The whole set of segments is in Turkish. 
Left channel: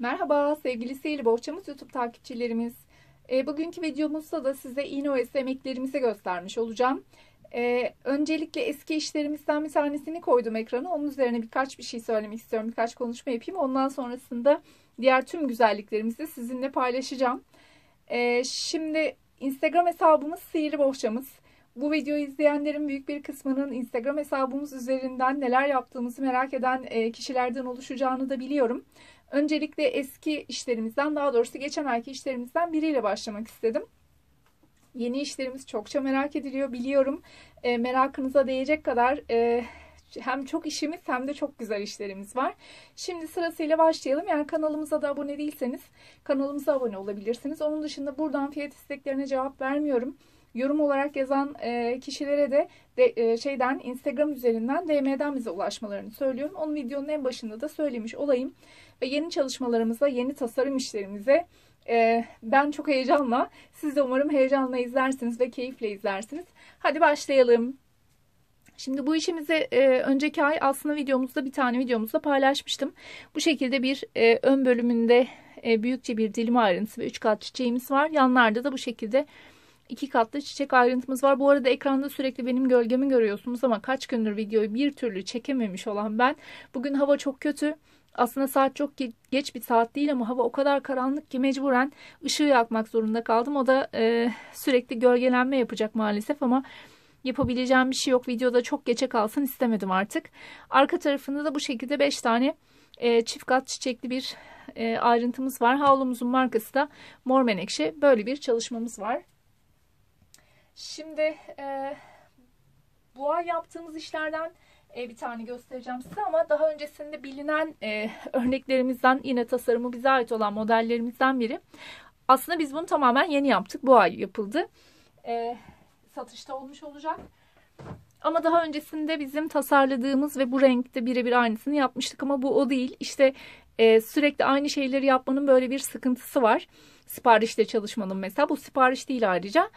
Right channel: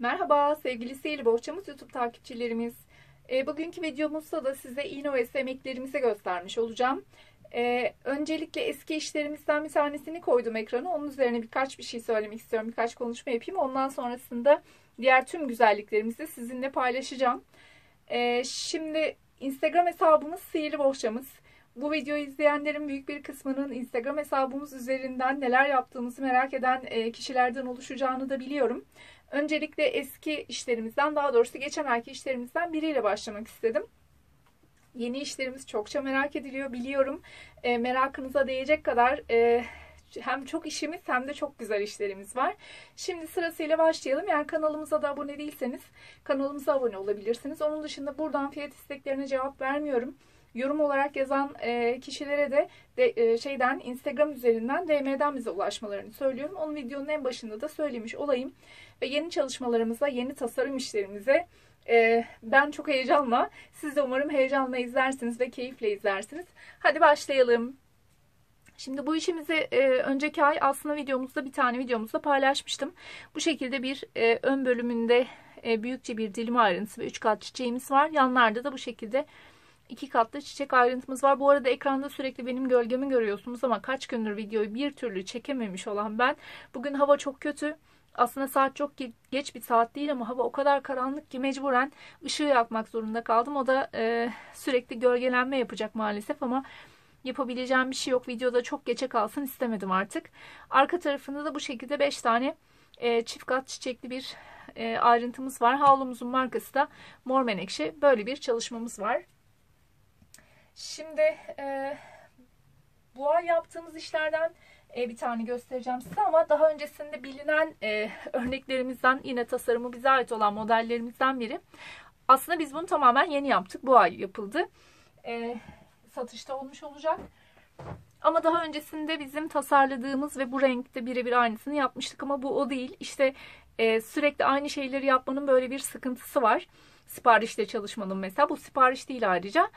Merhaba sevgili Sihirli Bohçamız YouTube takipçilerimiz. Bugünkü videomuzda da size iğne emeklerimizi göstermiş olacağım. Öncelikle eski işlerimizden bir tanesini koydum ekrana. Onun üzerine birkaç bir şey söylemek istiyorum. Birkaç konuşma yapayım. Ondan sonrasında diğer tüm güzelliklerimizi sizinle paylaşacağım. Şimdi Instagram hesabımız Sihirli Bohçamız. Bu videoyu izleyenlerin büyük bir kısmının Instagram hesabımız üzerinden neler yaptığımızı merak eden kişilerden oluşacağını da biliyorum. Öncelikle eski işlerimizden, daha doğrusu geçen ayki işlerimizden biriyle başlamak istedim. Yeni işlerimiz çokça merak ediliyor, biliyorum. Merakınıza değecek kadar hem çok işimiz hem de çok güzel işlerimiz var. Şimdi sırasıyla başlayalım. Eğer kanalımıza da abone değilseniz kanalımıza abone olabilirsiniz. Onun dışında buradan fiyat isteklerine cevap vermiyorum. Yorum olarak yazan kişilere de Instagram üzerinden DM'den bize ulaşmalarını söylüyorum. Onun videonun en başında da söylemiş olayım. Ve yeni çalışmalarımıza, yeni tasarım işlerimize ben çok heyecanla, siz de umarım heyecanla izlersiniz ve keyifle izlersiniz. Hadi başlayalım. Şimdi bu işimizi önceki ay aslında bir tane videomuzda paylaşmıştım. Bu şekilde bir ön bölümünde büyükçe bir dilim ayrıntısı ve 3 kat çiçeğimiz var. Yanlarda da bu şekilde 2 katlı çiçek ayrıntımız var. Bu arada ekranda sürekli benim gölgemi görüyorsunuz ama kaç gündür videoyu bir türlü çekememiş olan ben. Bugün hava çok kötü. Aslında saat çok geç bir saat değil ama hava o kadar karanlık ki mecburen ışığı yakmak zorunda kaldım. O da sürekli gölgelenme yapacak maalesef ama yapabileceğim bir şey yok. Videoda çok geçe kalsın istemedim artık. Arka tarafında da bu şekilde 5 tane çift kat çiçekli bir ayrıntımız var. Havlumuzun markası da Mor Menekşe. Böyle bir çalışmamız var. Şimdi bu ay yaptığımız işlerden bir tane göstereceğim size ama daha öncesinde bilinen örneklerimizden, yine tasarımı bize ait olan modellerimizden biri. Aslında biz bunu tamamen yeni yaptık. Bu ay yapıldı. Satışta olmuş olacak. Ama daha öncesinde bizim tasarladığımız ve bu renkte birebir aynısını yapmıştık ama bu o değil. İşte sürekli aynı şeyleri yapmanın böyle bir sıkıntısı var. Siparişle çalışmanın mesela. Bu sipariş değil ayrıca.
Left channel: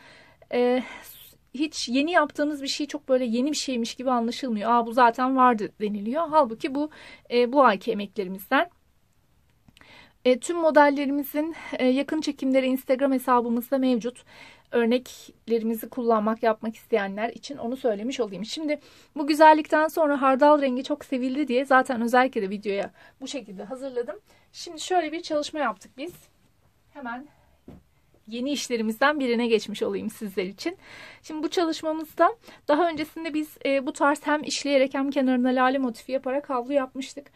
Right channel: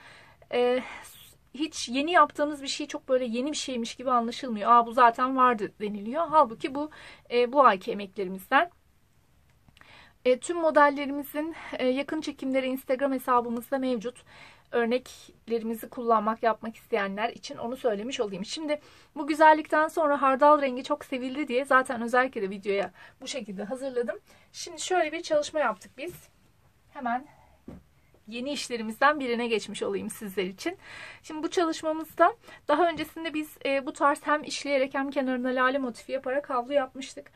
Hiç yeni yaptığınız bir şey çok böyle yeni bir şeymiş gibi anlaşılmıyor. Aa, bu zaten vardı deniliyor. Halbuki bu ayki emeklerimizden. Tüm modellerimizin yakın çekimleri Instagram hesabımızda mevcut. Örneklerimizi yapmak isteyenler için onu söylemiş olayım. Şimdi bu güzellikten sonra hardal rengi çok sevildi diye zaten özellikle de videoya bu şekilde hazırladım. Şimdi şöyle bir çalışma yaptık biz. Hemen yeni işlerimizden birine geçmiş olayım sizler için. Şimdi bu çalışmamızda daha öncesinde biz bu tarz hem işleyerek hem kenarına lale motifi yaparak havlu yapmıştık.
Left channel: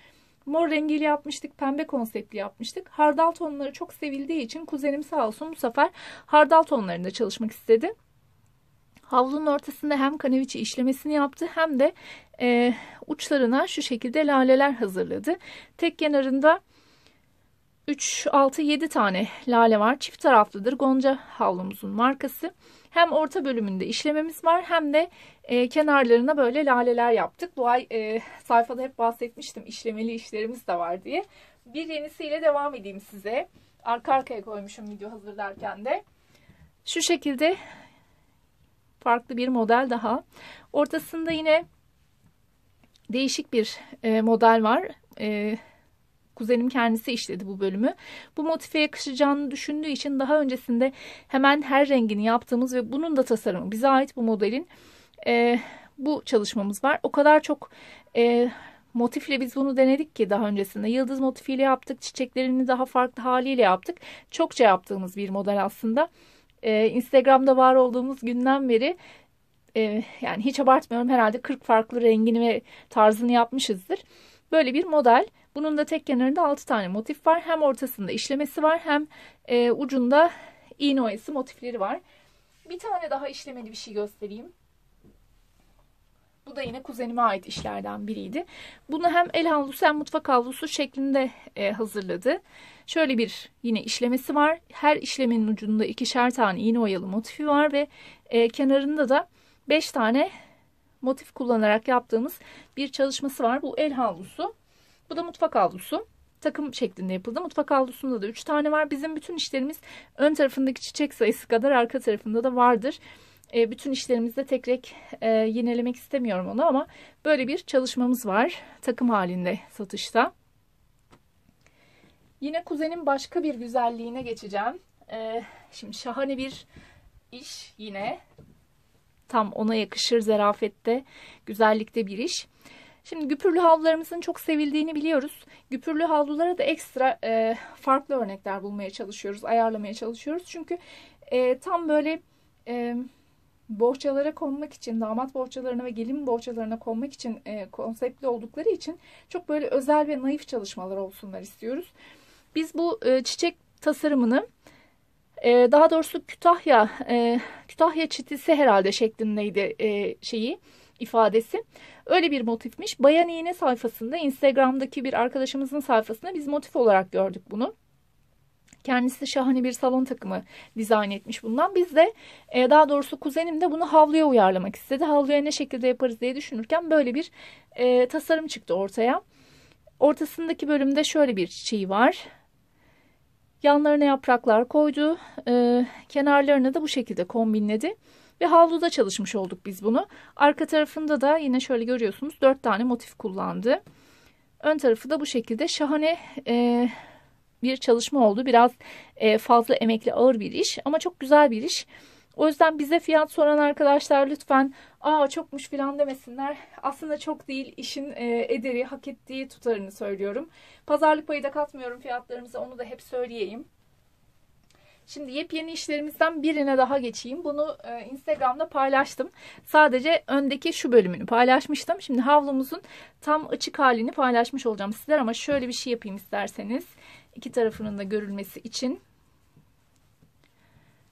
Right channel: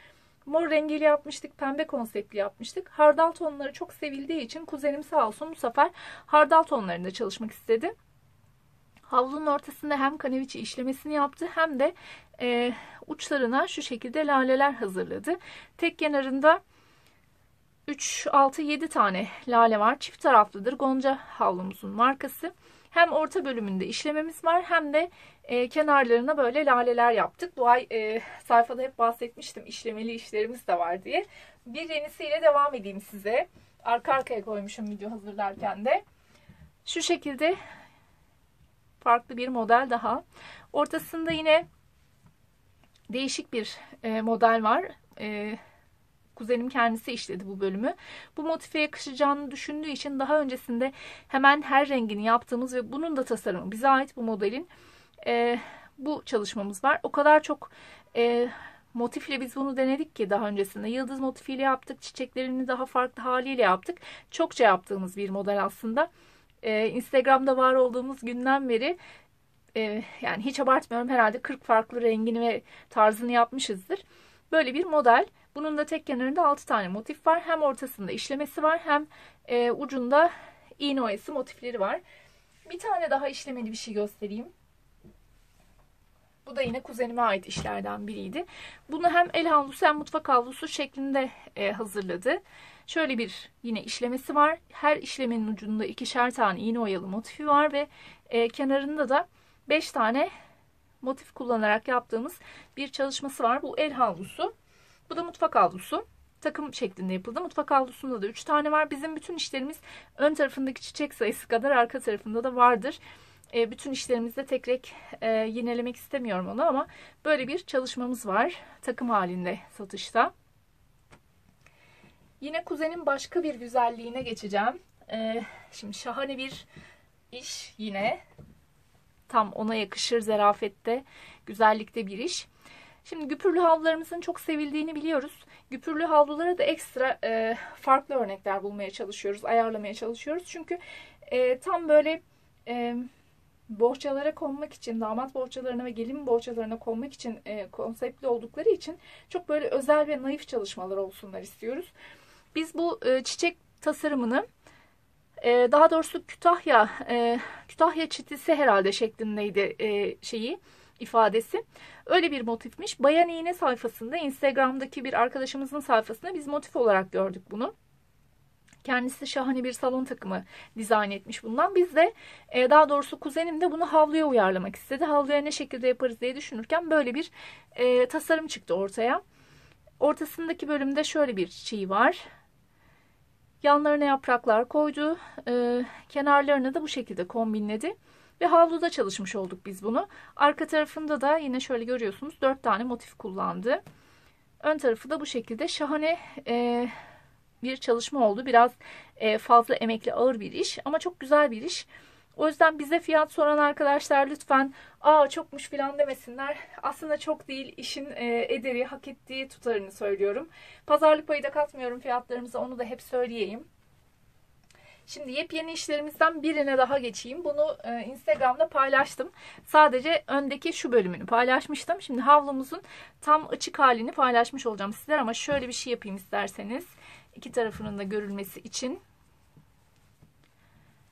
Mor rengiyle yapmıştık, pembe konseptli yapmıştık. Hardal tonları çok sevildiği için kuzenim sağ olsun bu sefer hardal tonlarında çalışmak istedi. Havlunun ortasında hem kaneviçe işlemesini yaptı hem de uçlarına şu şekilde laleler hazırladı. Tek kenarında 3, 6, 7 tane lale var. Çift taraflıdır. Gonca havlumuzun markası. Hem orta bölümünde işlememiz var hem de kenarlarına böyle laleler yaptık. Bu ay sayfada hep bahsetmiştim, işlemeli işlerimiz de var diye. Bir yenisiyle devam edeyim size. Arka arkaya koymuşum video hazırlarken de. Şu şekilde farklı bir model daha. Ortasında yine değişik bir model var. Kuzenim kendisi işledi bu bölümü. Bu motife yakışacağını düşündüğü için daha öncesinde hemen her rengini yaptığımız ve bunun da tasarımı bize ait bu modelin bu çalışmamız var. O kadar çok motifle biz bunu denedik ki daha öncesinde. Yıldız motifiyle yaptık. Çiçeklerini daha farklı haliyle yaptık. Çokça yaptığımız bir model aslında. Instagram'da var olduğumuz günden beri yani hiç abartmıyorum, herhalde 40 farklı rengini ve tarzını yapmışızdır. Böyle bir model. Bunun da tek kenarında 6 tane motif var. Hem ortasında işlemesi var hem ucunda iğne oyası motifleri var. Bir tane daha işlemeli bir şey göstereyim. Bu da yine kuzenime ait işlerden biriydi. Bunu hem el havlusu hem mutfak havlusu şeklinde hazırladı. Şöyle bir yine işlemesi var. Her işlemenin ucunda 2'şer tane iğne oyalı motifi var ve kenarında da 5 tane motif kullanarak yaptığımız bir çalışması var. Bu el havlusu. Bu da mutfak havlusu. Takım şeklinde yapıldı. Mutfak havlusunda da 3 tane var. Bizim bütün işlerimiz ön tarafındaki çiçek sayısı kadar arka tarafında da vardır. Bütün işlerimizde tek tek yinelemek istemiyorum onu ama böyle bir çalışmamız var. Takım halinde satışta. Yine kuzenin başka bir güzelliğine geçeceğim. Şimdi şahane bir iş yine. Tam ona yakışır zarafette, güzellikte bir iş. Şimdi güpürlü havlularımızın çok sevildiğini biliyoruz. Güpürlü havlulara da ekstra farklı örnekler bulmaya çalışıyoruz, ayarlamaya çalışıyoruz. Çünkü tam böyle bohçalara konmak için, damat bohçalarına ve gelin bohçalarına konmak için konseptli oldukları için çok böyle özel ve naif çalışmalar olsunlar istiyoruz. Biz bu çiçek tasarımını daha doğrusu Kütahya çitisi herhalde şeklindeydi ifadesi. Öyle bir motifmiş. Bayan İğne sayfasında, Instagram'daki bir arkadaşımızın sayfasında biz motif olarak gördük bunu. Kendisi şahane bir salon takımı dizayn etmiş bundan. Biz de daha doğrusu kuzenim de bunu havluya uyarlamak istedi. Havluya ne şekilde yaparız diye düşünürken böyle bir tasarım çıktı ortaya. Ortasındaki bölümde şöyle bir çiçeği var. Yanlarına yapraklar koydu. Kenarlarını da bu şekilde kombinledi. Ve havluda çalışmış olduk biz bunu. Arka tarafında da yine şöyle görüyorsunuz 4 tane motif kullandı. Ön tarafı da bu şekilde şahane bir çalışma oldu. Biraz fazla emekli, ağır bir iş ama çok güzel bir iş. O yüzden bize fiyat soran arkadaşlar lütfen "Aa çokmuş" falan demesinler. Aslında çok değil, işin ederi, hak ettiği tutarını söylüyorum. Pazarlık payı da katmıyorum fiyatlarımıza, onu da hep söyleyeyim. Şimdi yepyeni işlerimizden birine daha geçeyim. Bunu Instagram'da paylaştım. Sadece öndeki şu bölümünü paylaşmıştım. Şimdi havlumuzun tam açık halini paylaşmış olacağım sizler ama şöyle bir şey yapayım isterseniz. İki tarafının da görülmesi için.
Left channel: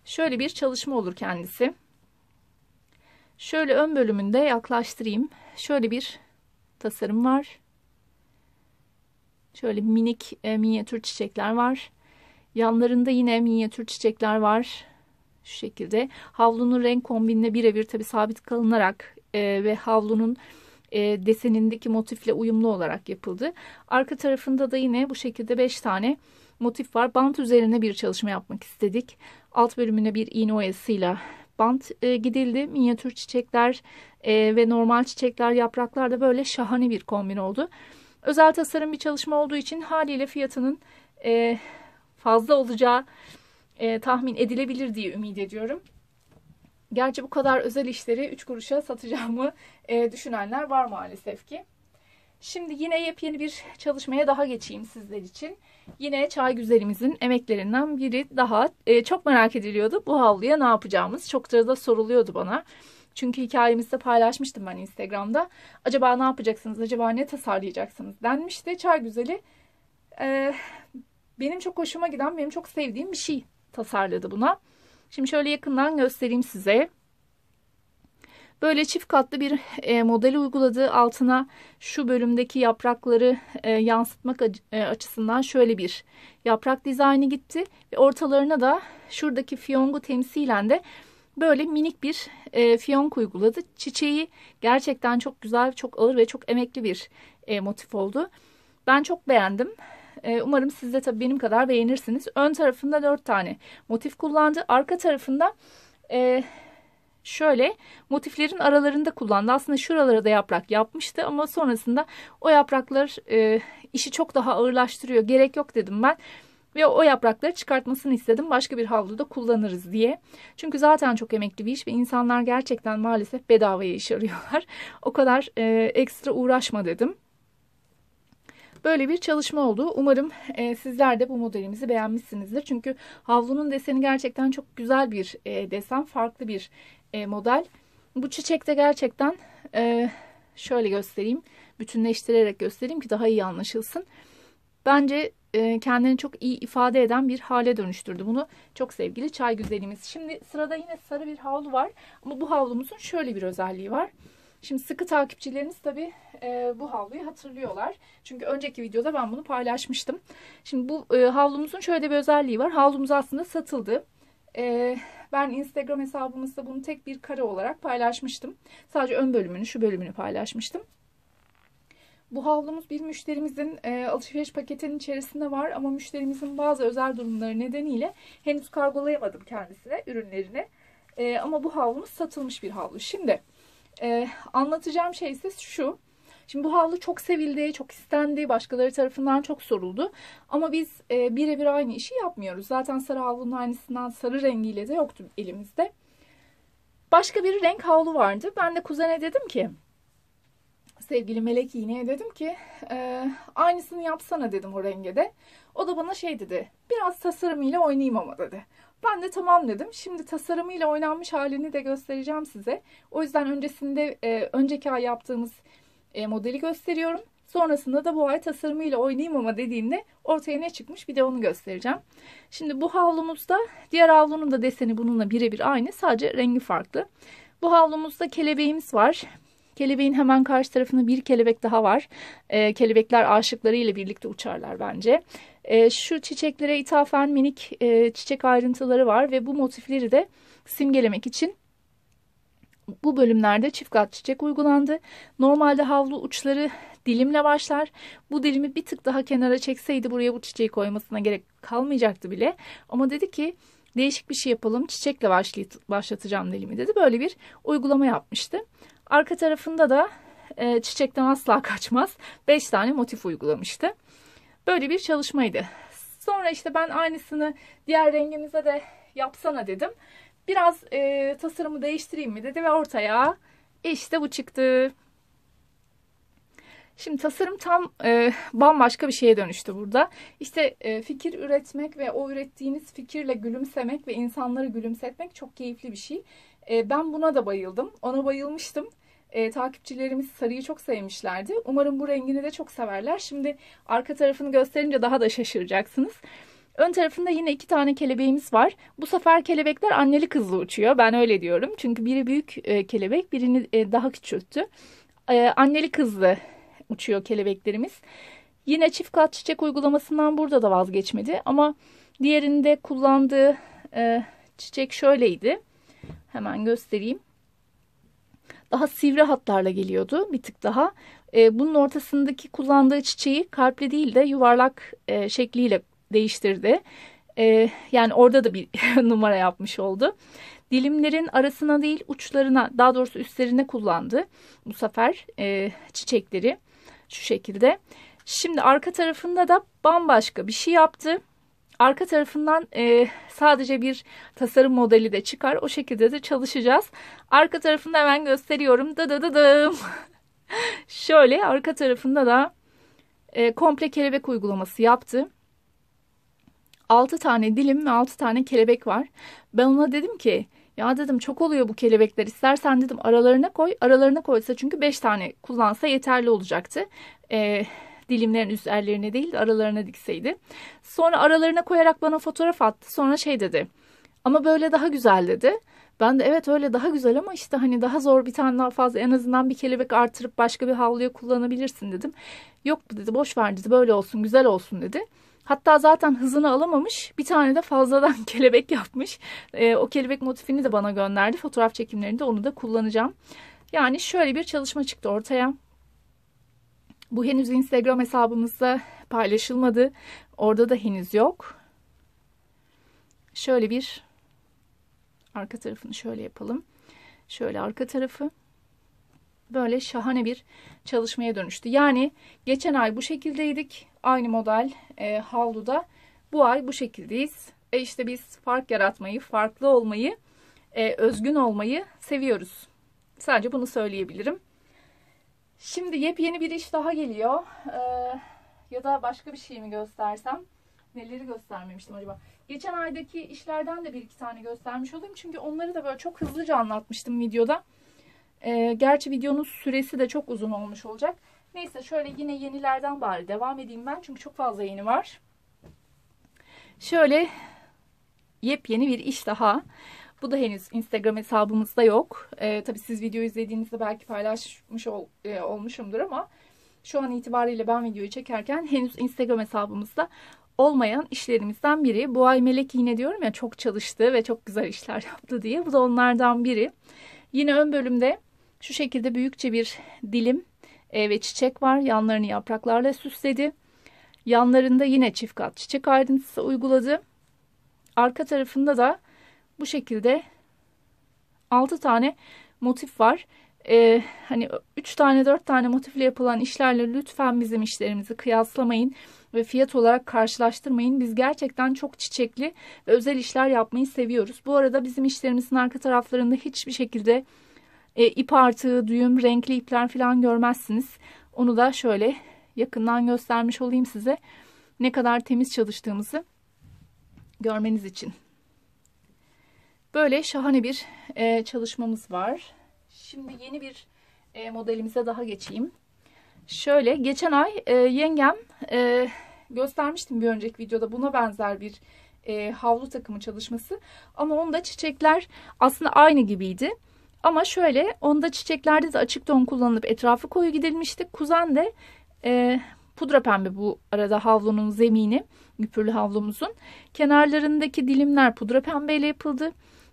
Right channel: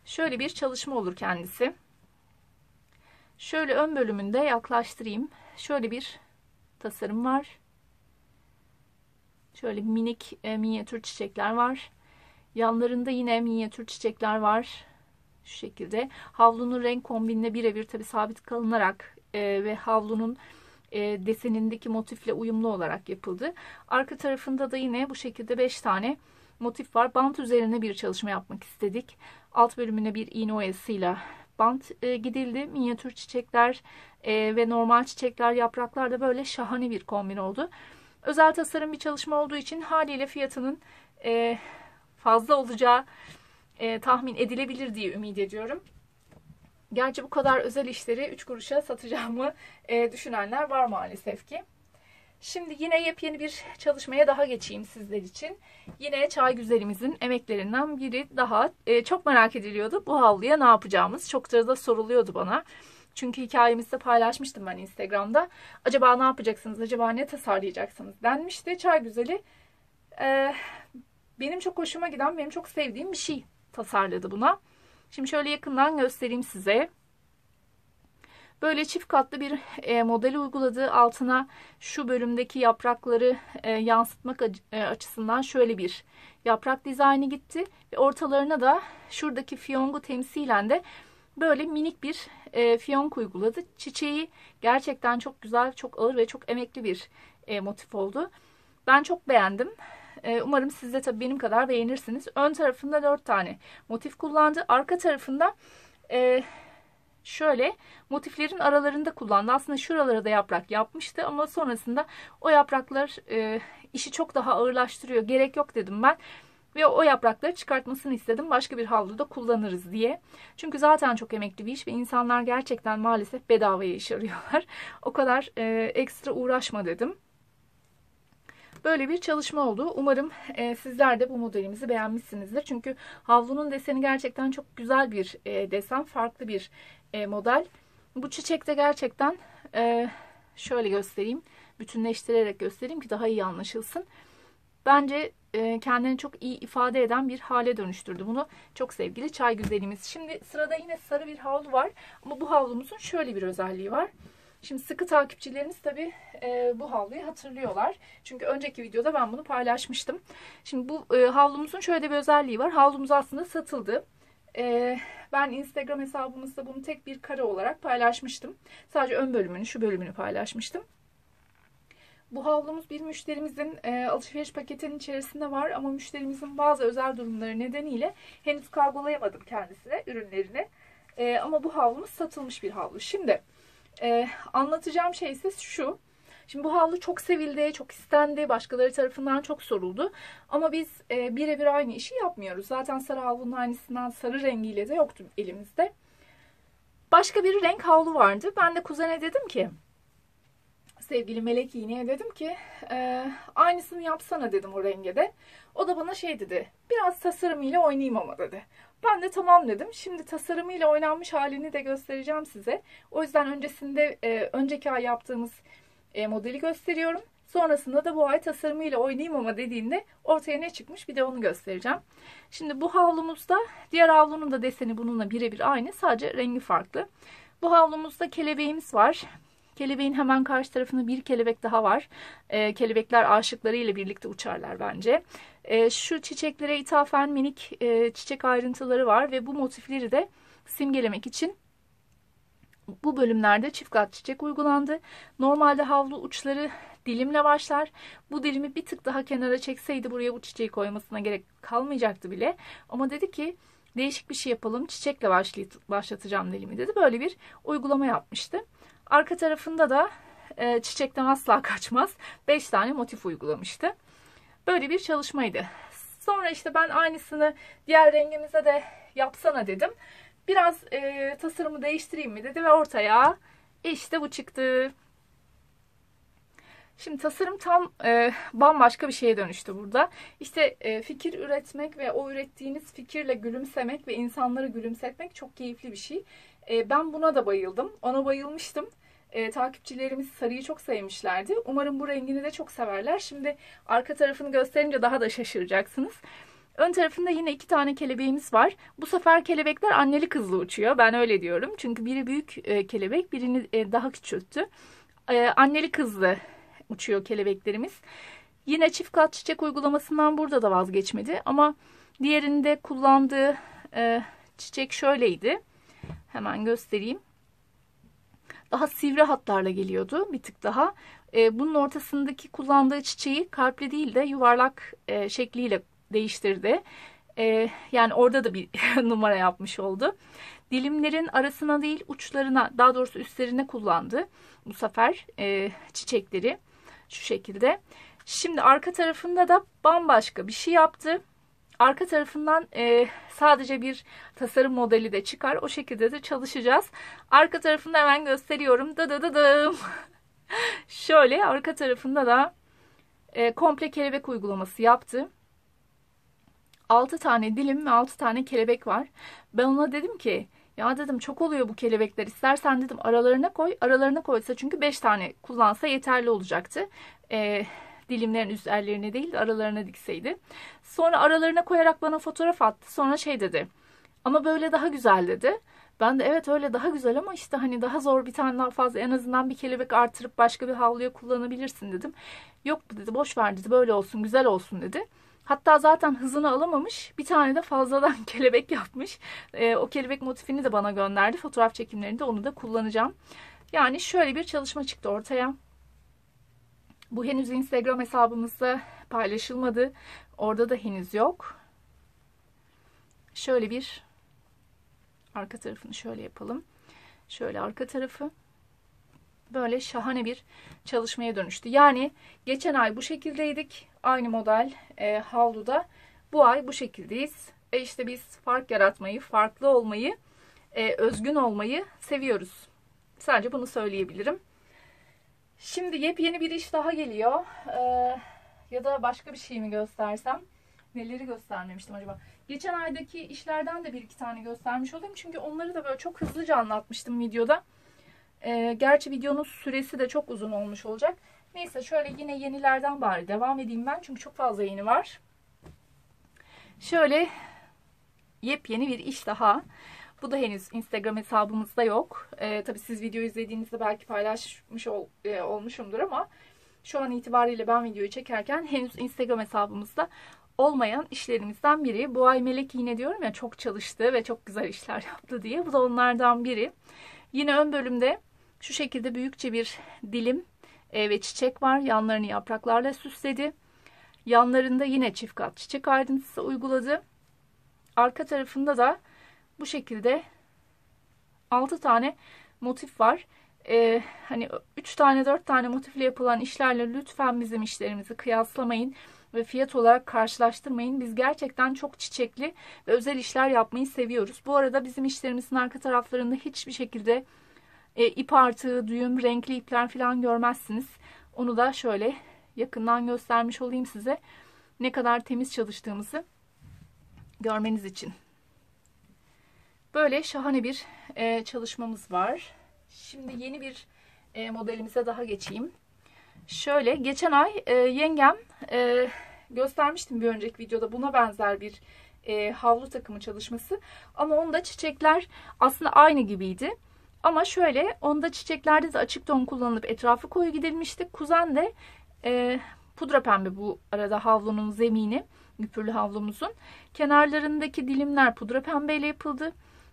Şöyle bir çalışma olur kendisi. Şöyle ön bölümünde yaklaştırayım. Şöyle bir tasarım var. Şöyle minik minyatür çiçekler var. Yanlarında yine minyatür çiçekler var. Şu şekilde. Havlunun renk kombinine birebir tabi sabit kalınarak ve havlunun desenindeki motifle uyumlu olarak yapıldı. Arka tarafında da yine bu şekilde 5 tane motif var. Bant üzerine bir çalışma yapmak istedik. Alt bölümüne bir iğne oyasıyla bant gidildi. Minyatür çiçekler ve normal çiçekler, yapraklar da böyle şahane bir kombin oldu. Özel tasarım bir çalışma olduğu için haliyle fiyatının fazla olacağı tahmin edilebilir diye ümit ediyorum. Gerçi bu kadar özel işleri 3 kuruşa satacağımı düşünenler var maalesef ki. Şimdi yine yepyeni bir çalışmaya daha geçeyim sizler için. Yine çay güzelimizin emeklerinden biri daha. Çok merak ediliyordu bu havluya ne yapacağımız. Çokça da soruluyordu bana. Çünkü hikayemizde paylaşmıştım ben Instagram'da. Acaba ne yapacaksınız, acaba ne tasarlayacaksınız denmişti. Çay güzeli benim çok hoşuma giden, benim çok sevdiğim bir şey tasarladı buna. Şimdi şöyle yakından göstereyim size. Böyle çift katlı bir model uyguladı. Altına şu bölümdeki yaprakları yansıtmak açısından şöyle bir yaprak dizaynı gitti. Ve ortalarına da şuradaki fiyongu temsilen de böyle minik bir fiyonk uyguladı. Çiçeği gerçekten çok güzel, çok ağır ve çok emekli bir motif oldu. Ben çok beğendim. Umarım siz de tabii benim kadar beğenirsiniz. Ön tarafında 4 tane motif kullandı. Arka tarafında şöyle motiflerin aralarında kullandı. Aslında şuralara da yaprak yapmıştı ama sonrasında o yapraklar işi çok daha ağırlaştırıyor. Gerek yok dedim ben. Ve o yaprakları çıkartmasını istedim. Başka bir havluda kullanırız diye. Çünkü zaten çok emekli bir iş ve insanlar gerçekten maalesef bedavaya iş arıyorlar. O kadar ekstra uğraşma dedim. Böyle bir çalışma oldu. Umarım sizler de bu modelimizi beğenmişsinizdir. Çünkü havlunun deseni gerçekten çok güzel bir desen. Farklı bir model. Bu çiçek de gerçekten şöyle göstereyim. Bütünleştirerek göstereyim ki daha iyi anlaşılsın. Bence kendini çok iyi ifade eden bir hale dönüştürdü bunu. Çok sevgili çay güzelimiz. Şimdi sırada yine sarı bir havlu var. Ama bu havlumuzun şöyle bir özelliği var. Şimdi sıkı takipçileriniz tabii bu havluyu hatırlıyorlar. Çünkü önceki videoda ben bunu paylaşmıştım. Şimdi bu havlumuzun şöyle bir özelliği var. Havlumuz aslında satıldı. Ben Instagram hesabımızda bunu tek bir kare olarak paylaşmıştım. Sadece ön bölümünü, şu bölümünü paylaşmıştım. Bu havlumuz bir müşterimizin alışveriş paketinin içerisinde var ama müşterimizin bazı özel durumları nedeniyle henüz kargolayamadım kendisine ürünlerini. Ama bu havlumuz satılmış bir havlu. Şimdi anlatacağım şey ise şu. Şimdi bu havlu çok sevildi, çok istendi, başkaları tarafından çok soruldu. Ama biz birebir aynı işi yapmıyoruz. Zaten sarı havlunun aynısından sarı rengiyle de yoktu elimizde. Başka bir renk havlu vardı. Ben de kuzene dedim ki, sevgili Melek İğne'ye dedim ki aynısını yapsana dedim o renge de. O da bana şey dedi, biraz tasarımıyla oynayayım ama dedi. Ben de tamam dedim. Şimdi tasarımıyla oynanmış halini de göstereceğim size. O yüzden öncesinde önceki ay yaptığımız modeli gösteriyorum. Sonrasında da bu ay tasarımıyla oynayayım ama dediğinde ortaya ne çıkmış bir de onu göstereceğim. Şimdi bu havlumuzda diğer havlunun da deseni bununla birebir aynı, sadece rengi farklı. Bu havlumuzda kelebeğimiz var. Kelebeğin hemen karşı tarafında bir kelebek daha var. Kelebekler aşıkları ile birlikte uçarlar bence. Şu çiçeklere ithafen minik çiçek ayrıntıları var ve bu motifleri de simgelemek için bu bölümlerde çift kat çiçek uygulandı. Normalde havlu uçları dilimle başlar. Bu dilimi bir tık daha kenara çekseydi buraya bu çiçeği koymasına gerek kalmayacaktı bile. Ama dedi ki değişik bir şey yapalım, çiçekle başlatacağım dilimi dedi. Böyle bir uygulama yapmıştı. Arka tarafında da çiçekten asla kaçmaz 5 tane motif uygulamıştı. Böyle bir çalışmaydı. Sonra işte ben aynısını diğer rengimize de yapsana dedim. Biraz tasarımı değiştireyim mi dedi ve ortaya işte bu çıktı. Şimdi tasarım tam bambaşka bir şeye dönüştü burada. İşte fikir üretmek ve o ürettiğiniz fikirle gülümsemek ve insanları gülümsetmek çok keyifli bir şey. Ben buna da bayıldım. Ona bayılmıştım. Takipçilerimiz sarıyı çok sevmişlerdi. Umarım bu rengini de çok severler. Şimdi arka tarafını gösterince daha da şaşıracaksınız. Ön tarafında yine 2 tane kelebeğimiz var. Bu sefer kelebekler anneli kızlı uçuyor. Ben öyle diyorum. Çünkü biri büyük kelebek, birini daha küçülttü. Anneli kızlı uçuyor kelebeklerimiz. Yine çift kat çiçek uygulamasından burada da vazgeçmedi. Ama diğerinde kullandığı çiçek şöyleydi. Hemen göstereyim. Daha sivri hatlarla geliyordu bir tık daha. Bunun ortasındaki kullandığı çiçeği kalpli değil de yuvarlak şekliyle değiştirdi. Yani orada da bir numara yapmış oldu. Dilimlerin arasına değil uçlarına, daha doğrusu üstlerine kullandı bu sefer çiçekleri şu şekilde. Şimdi arka tarafında da bambaşka bir şey yaptı. Arka tarafından sadece bir tasarım modeli de çıkar. O şekilde de çalışacağız. Arka tarafını hemen gösteriyorum. Dıdıdıdım. Şöyle arka tarafında da komple kelebek uygulaması yaptı. 6 tane dilim ve 6 tane kelebek var. Ben ona dedim ki ya dedim çok oluyor bu kelebekler. İstersen dedim aralarına koy. Aralarına koysa çünkü 5 tane kullansa yeterli olacaktı. Dilimlerin üzerlerine değil aralarına dikseydi. Sonra aralarına koyarak bana fotoğraf attı. Sonra şey dedi. Ama böyle daha güzel dedi. Ben de evet öyle daha güzel ama işte hani daha zor, bir tane daha fazla en azından bir kelebek artırıp başka bir havluya kullanabilirsin dedim. Yok dedi, boş ver dedi, böyle olsun güzel olsun dedi. Hatta zaten hızını alamamış, bir tane de fazladan kelebek yapmış. O kelebek motifini de bana gönderdi. Fotoğraf çekimlerinde onu da kullanacağım. Yani şöyle bir çalışma çıktı ortaya. Bu henüz Instagram hesabımızda paylaşılmadı. Orada da henüz yok. Şöyle bir arka tarafını şöyle yapalım. Şöyle arka tarafı. Böyle şahane bir çalışmaya dönüştü. Yani geçen ay bu şekildeydik. Aynı model havluda. Bu ay bu şekildeyiz. İşte biz fark yaratmayı, farklı olmayı, özgün olmayı seviyoruz. Sadece bunu söyleyebilirim. Şimdi yepyeni bir iş daha geliyor. Ya da başka bir şey mi göstersem? Neleri göstermemiştim acaba? Geçen aydaki işlerden de bir iki tane göstermiş olayım. Çünkü onları da böyle çok hızlıca anlatmıştım videoda. Gerçi videonun süresi de çok uzun olmuş olacak. Neyse şöyle yine yenilerden bari devam edeyim ben. Çünkü çok fazla yeni var. Şöyle yepyeni bir iş daha. Bu da henüz Instagram hesabımızda yok. Tabii siz videoyu izlediğinizde belki paylaşmış olmuşumdur ama şu an itibariyle ben videoyu çekerken henüz Instagram hesabımızda olmayan işlerimizden biri. Bu ay Melek yine diyorum ya çok çalıştı ve çok güzel işler yaptı diye. Bu da onlardan biri. Yine ön bölümde şu şekilde büyükçe bir dilim ve çiçek var. Yanlarını yapraklarla süsledi. Yanlarında yine çift kat çiçek ayrıntısı uyguladı. Arka tarafında da bu şekilde 6 tane motif var. Hani 3 tane 4 tane motifle yapılan işlerle lütfen bizim işlerimizi kıyaslamayın ve fiyat olarak karşılaştırmayın. Biz gerçekten çok çiçekli ve özel işler yapmayı seviyoruz. Bu arada bizim işlerimizin arka taraflarında hiçbir şekilde ip artığı, düğüm, renkli ipler falan görmezsiniz. Onu da şöyle yakından göstermiş olayım size. Ne kadar temiz çalıştığımızı görmeniz için. Böyle şahane bir çalışmamız var. Şimdi yeni bir modelimize daha geçeyim. Şöyle geçen ay yengem göstermiştim bir önceki videoda, buna benzer bir havlu takımı çalışması. Ama onda çiçekler aslında aynı gibiydi. Ama şöyle, onda çiçeklerde de açık ton kullanılıp etrafı koyu gidilmişti. Kuzen de pudra pembe bu arada havlunun zemini. Güpürlü havlumuzun. Kenarlarındaki dilimler pudra pembeyle yapıldı.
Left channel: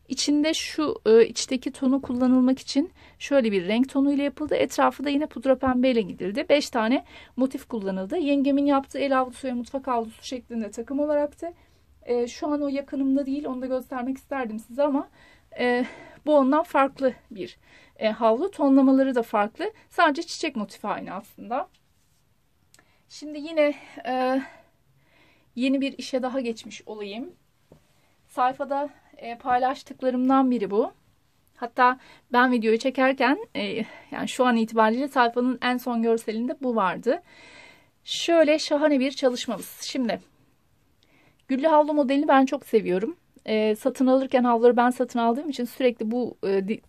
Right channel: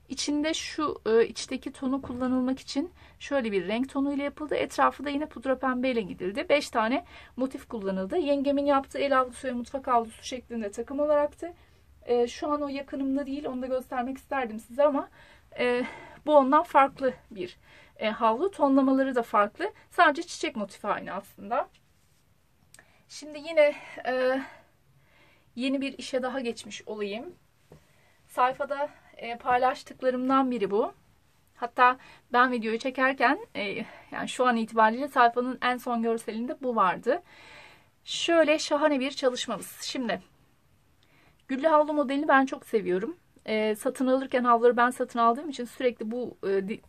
İçinde şu içteki tonu kullanılmak için şöyle bir renk tonuyla yapıldı. Etrafı da yine pudra pembeyle gidildi. 5 tane motif kullanıldı. Yengemin yaptığı el havlusu ve mutfak havlusu şeklinde takım olaraktı. Şu an o yakınımda değil. Onu da göstermek isterdim size ama bu ondan farklı bir havlu. Tonlamaları da farklı. Sadece çiçek motifi aynı aslında. Şimdi yine yeni bir işe daha geçmiş olayım. Sayfada paylaştıklarımdan biri bu. Hatta ben videoyu çekerken yani şu an itibariyle sayfanın en son görselinde bu vardı. Şöyle şahane bir çalışmamız. Şimdi güllü havlu modelini ben çok seviyorum. Satın alırken havluları ben satın aldığım için sürekli bu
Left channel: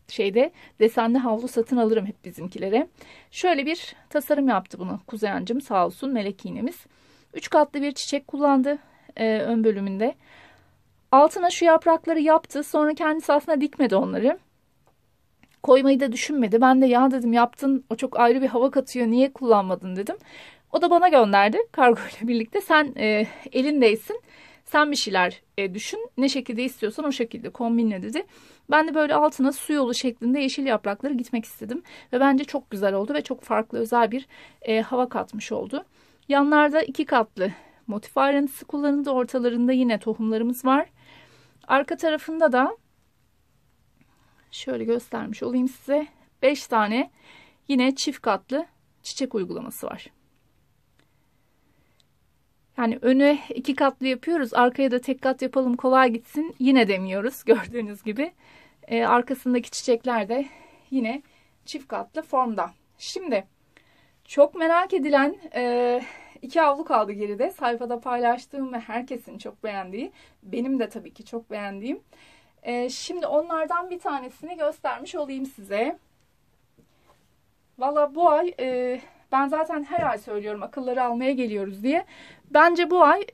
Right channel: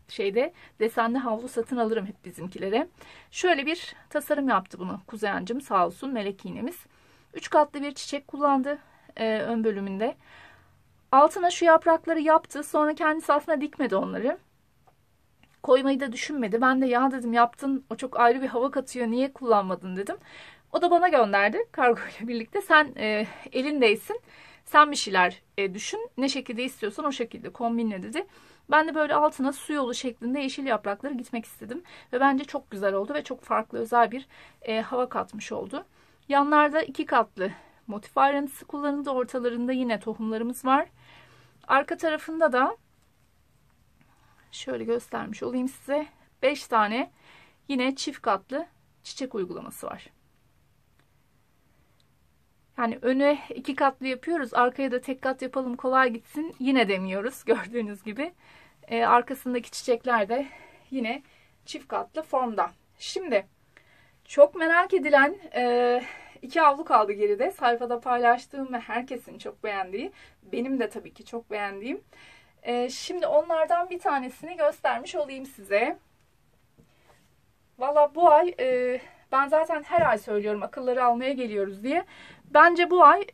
şeyde desenli havlu satın alırım hep bizimkilere. Şöyle bir tasarım yaptı bunu kuzencim, sağ olsun, melek iğnemiz. 3 katlı bir çiçek kullandı ön bölümünde. Altına şu yaprakları yaptı. Sonra kendisi aslında dikmedi onları. Koymayı da düşünmedi. Ben de ya dedim, yaptın, o çok ayrı bir hava katıyor, niye kullanmadın dedim. O da bana gönderdi kargo ile birlikte. Sen elindeysin. Sen bir şeyler düşün. Ne şekilde istiyorsan o şekilde kombinle dedi. Ben de böyle altına su yolu şeklinde yeşil yaprakları gitmek istedim. Ve bence çok güzel oldu ve çok farklı, özel bir hava katmış oldu. Yanlarda 2 katlı motif ayrıntısı kullanıldı. Ortalarında yine tohumlarımız var. Arka tarafında da şöyle göstermiş olayım size. 5 tane yine çift katlı çiçek uygulaması var. Yani öne 2 katlı yapıyoruz. Arkaya da tek kat yapalım kolay gitsin yine demiyoruz. Gördüğünüz gibi. Arkasındaki çiçekler de yine çift katlı formda. Şimdi çok merak edilen 2 havlu kaldı geride. Sayfada paylaştığım ve herkesin çok beğendiği, benim de tabii ki çok beğendiğim. Şimdi onlardan bir tanesini göstermiş olayım size. Valla bu ay ben zaten her ay söylüyorum akılları almaya geliyoruz diye. Bence bu ay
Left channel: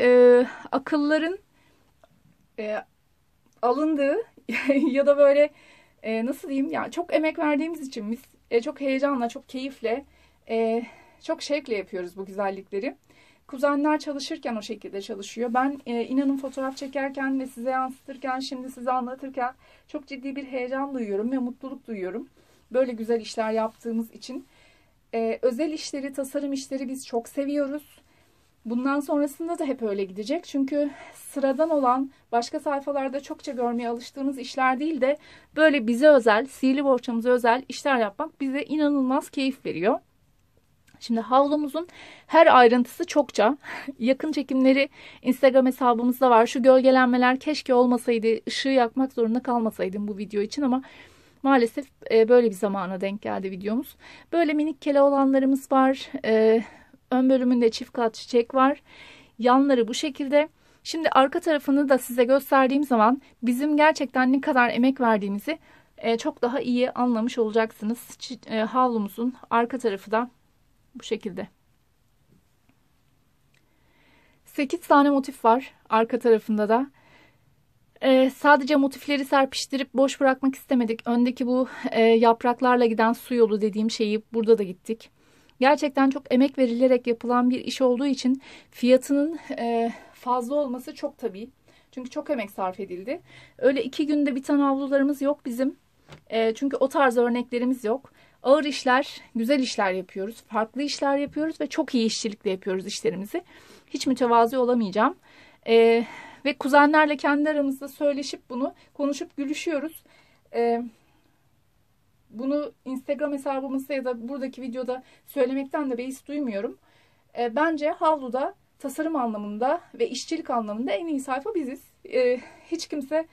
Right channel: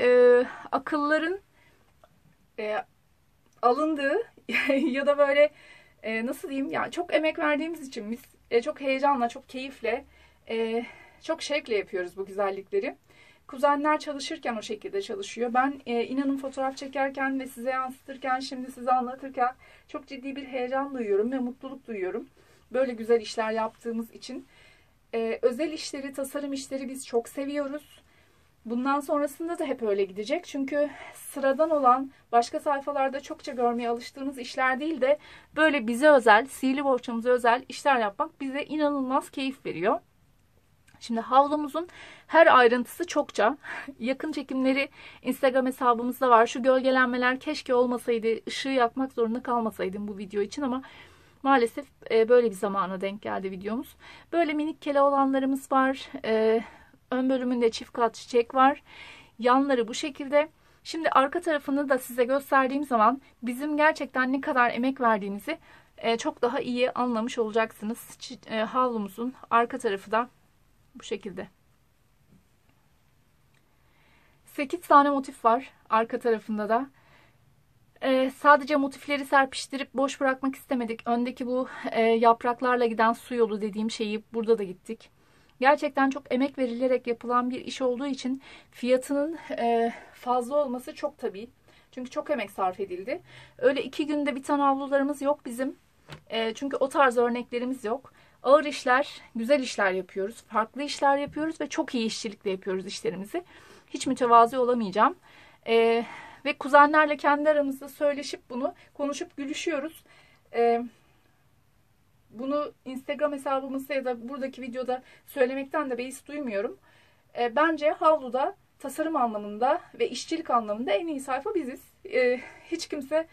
akılların alındığı ya da böyle nasıl diyeyim, yani çok emek verdiğimiz için biz çok heyecanla, çok keyifle, çok şevkle yapıyoruz bu güzellikleri. Kuzenler çalışırken o şekilde çalışıyor. Ben inanın fotoğraf çekerken ve size yansıtırken, şimdi size anlatırken çok ciddi bir heyecan duyuyorum ve mutluluk duyuyorum. Böyle güzel işler yaptığımız için. Özel işleri, tasarım işleri biz çok seviyoruz. Bundan sonrasında da hep öyle gidecek. Çünkü sıradan olan, başka sayfalarda çokça görmeye alıştığımız işler değil de böyle bize özel, sihirli bohçamıza özel işler yapmak bize inanılmaz keyif veriyor. Şimdi havlumuzun her ayrıntısı çokça. Yakın çekimleri Instagram hesabımızda var. Şu gölgelenmeler keşke olmasaydı, ışığı yakmak zorunda kalmasaydım bu video için ama maalesef böyle bir zamana denk geldi videomuz. Böyle minik kele olanlarımız var. Ön bölümünde çift kat çiçek var. Yanları bu şekilde. Şimdi arka tarafını da size gösterdiğim zaman bizim gerçekten ne kadar emek verdiğimizi çok daha iyi anlamış olacaksınız. Havlumuzun arka tarafı da bu şekilde. 8 tane motif var arka tarafında da. Sadece motifleri serpiştirip boş bırakmak istemedik. Öndeki bu yapraklarla giden su yolu dediğim şeyi burada da gittik. Gerçekten çok emek verilerek yapılan bir iş olduğu için fiyatının fazla olması çok tabii. Çünkü çok emek sarf edildi. Öyle 2 günde biten havlularımız yok bizim. Çünkü o tarz örneklerimiz yok. Ağır işler, güzel işler yapıyoruz. Farklı işler yapıyoruz ve çok iyi işçilikle yapıyoruz işlerimizi. Hiç mütevazi olamayacağım. Ve kuzenlerle kendi aramızda söyleşip bunu konuşup gülüşüyoruz. bunu Instagram hesabımızda ya da buradaki videoda söylemekten de beis duymuyorum. Bence havluda tasarım anlamında ve işçilik anlamında en iyi sayfa biziz. Hiç kimse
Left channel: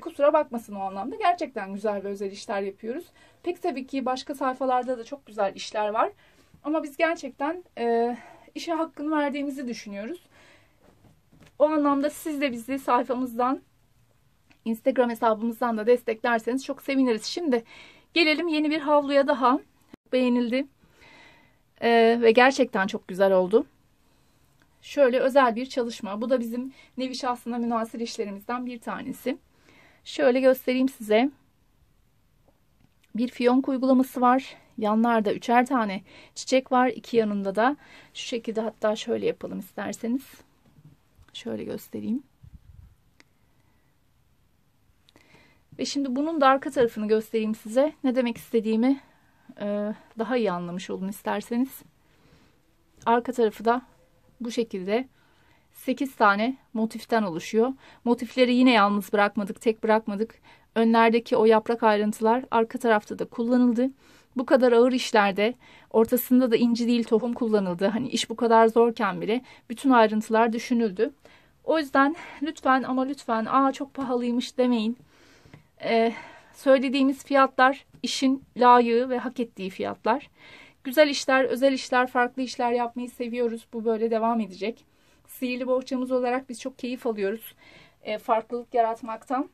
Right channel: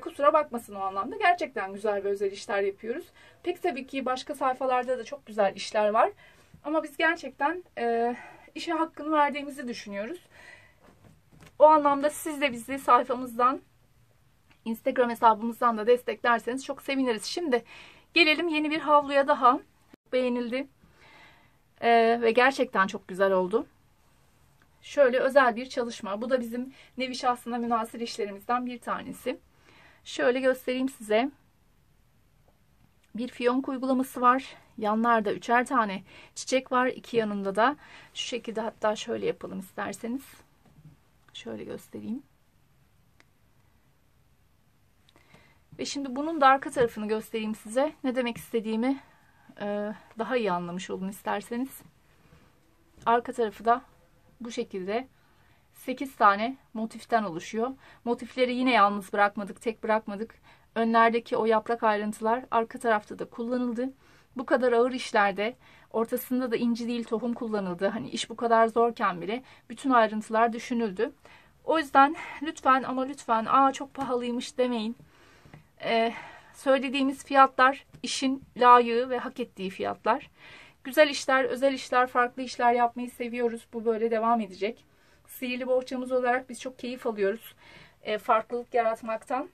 kusura bakmasın o anlamda. Gerçekten güzel ve özel işler yapıyoruz. Pek tabii ki başka sayfalarda da çok güzel işler var. Ama biz gerçekten işe hakkını verdiğimizi düşünüyoruz. O anlamda siz de bizi sayfamızdan, Instagram hesabımızdan da desteklerseniz çok seviniriz. Şimdi gelelim yeni bir havluya daha. Beğenildi. Ve gerçekten çok güzel oldu. Şöyle özel bir çalışma. Bu da bizim nevi şahsına münhasır işlerimizden bir tanesi. Şöyle göstereyim size. Bir fiyonk uygulaması var. Yanlarda 3'er tane çiçek var. İki yanında da şu şekilde, hatta şöyle yapalım isterseniz. Şöyle göstereyim. Ve şimdi bunun da arka tarafını göstereyim size. Ne demek istediğimi daha iyi anlamış olun isterseniz. Arka tarafı da bu şekilde 8 tane motiften oluşuyor. Motifleri yine yalnız bırakmadık, tek bırakmadık. Önlerdeki o yaprak ayrıntılar arka tarafta da kullanıldı. Bu kadar ağır işlerde ortasında da inci değil tohum kullanıldı. Hani iş bu kadar zorken bile bütün ayrıntılar düşünüldü. O yüzden lütfen ama lütfen çok pahalıymış demeyin. Söylediğimiz fiyatlar işin layığı ve hak ettiği fiyatlar. Güzel işler, özel işler, farklı işler yapmayı seviyoruz. Bu böyle devam edecek. Sihirli bohçamız olarak biz çok keyif alıyoruz farklılık yaratmaktan.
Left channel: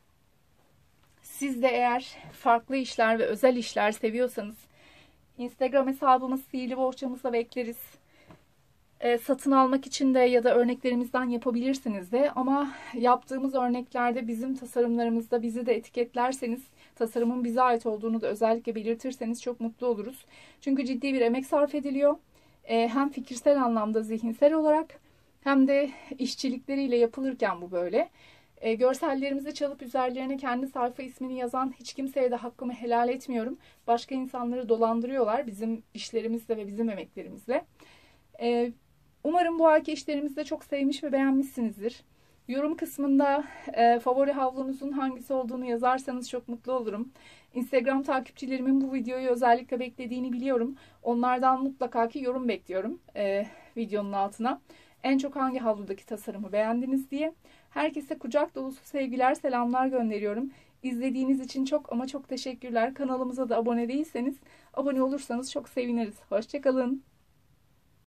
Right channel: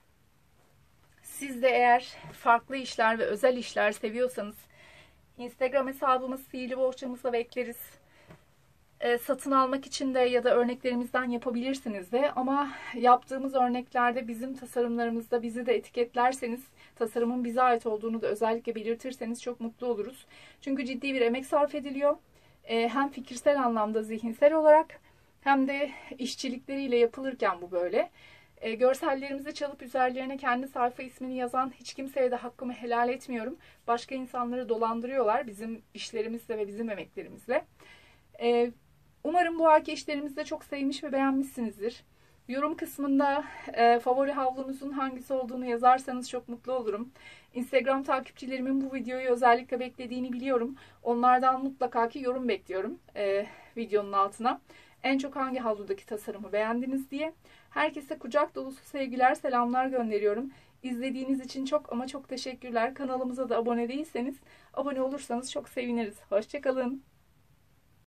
Siz de eğer farklı işler ve özel işler seviyorsanız Instagram hesabımız Sihirli Bohçamızda bekleriz. Satın almak için de ya da örneklerimizden yapabilirsiniz de, ama yaptığımız örneklerde bizim tasarımlarımızda bizi de etiketlerseniz, tasarımın bize ait olduğunu da özellikle belirtirseniz çok mutlu oluruz. Çünkü ciddi bir emek sarf ediliyor. Hem fikirsel anlamda, zihinsel olarak hem de işçilikleriyle yapılırken bu böyle. Görsellerimizi çalıp üzerlerine kendi sayfa ismini yazan hiç kimseye de hakkımı helal etmiyorum. Başka insanları dolandırıyorlar bizim işlerimizle ve bizim emeklerimizle. Umarım bu ayki işlerimizi de çok sevmiş ve beğenmişsinizdir. Yorum kısmında favori havlunuzun hangisi olduğunu yazarsanız çok mutlu olurum. Instagram takipçilerimin bu videoyu özellikle beklediğini biliyorum. Onlardan mutlaka ki yorum bekliyorum videonun altına. En çok hangi havludaki tasarımı beğendiniz diye. Herkese kucak dolusu sevgiler, selamlar gönderiyorum. İzlediğiniz için çok ama çok teşekkürler. Kanalımıza da abone değilseniz abone olursanız çok seviniriz. Hoşça kalın.